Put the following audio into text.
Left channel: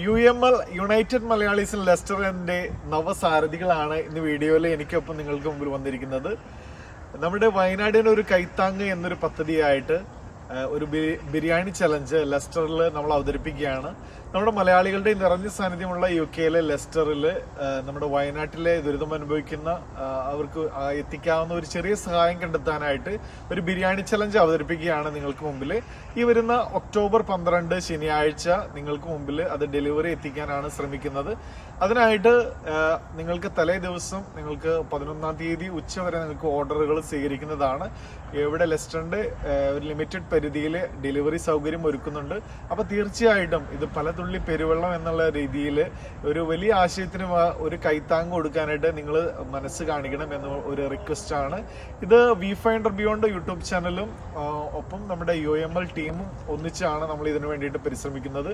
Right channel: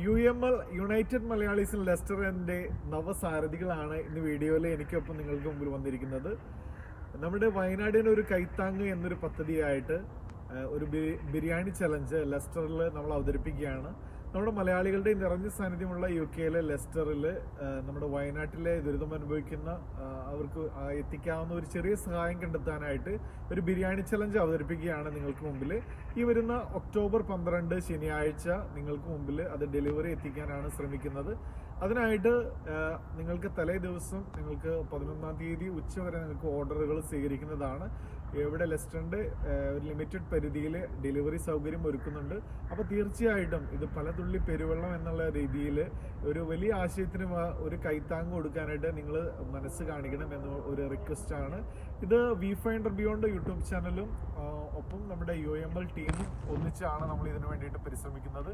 U M L united Malayalees ലെസ്റ്ററിന്റെ നവസാരഥികളാണ് ഇന്ന് വീഡിയോയിൽ എനിക്കൊപ്പം നിങ്ങൾക്ക് മുമ്പിൽ വന്നിരിക്കുന്നത്. നമ്മുടെ വയനാടിനൊരു കൈത്താങ് എന്നൊരു പദ്ധതിയായിട്ട് ഒരു ബിരിയാണി ചലഞ്ച് ലെസ്റ്ററിൽ നമ്മൾ അവതരിപ്പിക്കുകയാണ്. നമ്മുടെ മലയാളികളുടെ നിറഞ്ഞ സാന്നിധ്യമുള്ള യു കെയിലെ ലെസ്റ്ററിൽ നമ്മുടെ വയനാട്ടിലെ ദുരിതം അനുഭവിക്കുന്ന അവർക്ക് എത്തിക്കാവുന്ന ഒരു ചെറിയ സഹായം കണ്ടെത്താനായിട്ട് ഒരു ബിരിയാണി ചലഞ്ച് അവതരിപ്പിക്കുകയാണ് നിങ്ങൾക്ക് മുമ്പിൽ. ഈ വരുന്ന ഒക്ടോബർ പന്ത്രണ്ട് ശനിയാഴ്ച നിങ്ങൾക്ക് മുമ്പിൽ അത് ഡെലിവറി എത്തിക്കാനാണ് ശ്രമിക്കുന്നത്. അതിനായിട്ട് നിങ്ങൾക്ക് തലേ ദിവസം നിങ്ങൾക്ക് പതിനൊന്നാം തീയതി ഉച്ച വരെ നിങ്ങൾക്ക് ഓർഡറുകൾ സ്വീകരിക്കുന്നതാണ്. എവിടെ ലെസ്റ്ററിന്റെ ഒരു ലിമിറ്റഡ് പരിധിയിൽ ഡെലിവറി സൗകര്യം ഒരുക്കുന്നുണ്ട്. അപ്പോൾ തീർച്ചയായിട്ടും ഇത് പല തുള്ളി പെരുവെള്ളം എന്നുള്ള രീതിയിൽ ഒരു വലിയ ആശയത്തിന് ഒരു കൈത്താങ് കൊടുക്കാനായിട്ട് നിങ്ങൾ മനസ്സ് കാണിക്കണം എന്ന ഒരു റിക്വസ്റ്റ് ആണ്. ഇത് വി ഫൈൻഡർ ബിയോണ്ട് യൂട്യൂബ് ചാനലും ഒപ്പം നമ്മുടെ യു എം എൽ ടീമും ഒന്നിച്ചാണ് നമ്മൾ ഇതിനു വേണ്ടിയിട്ട് പരിശ്രമിക്കുന്നത്.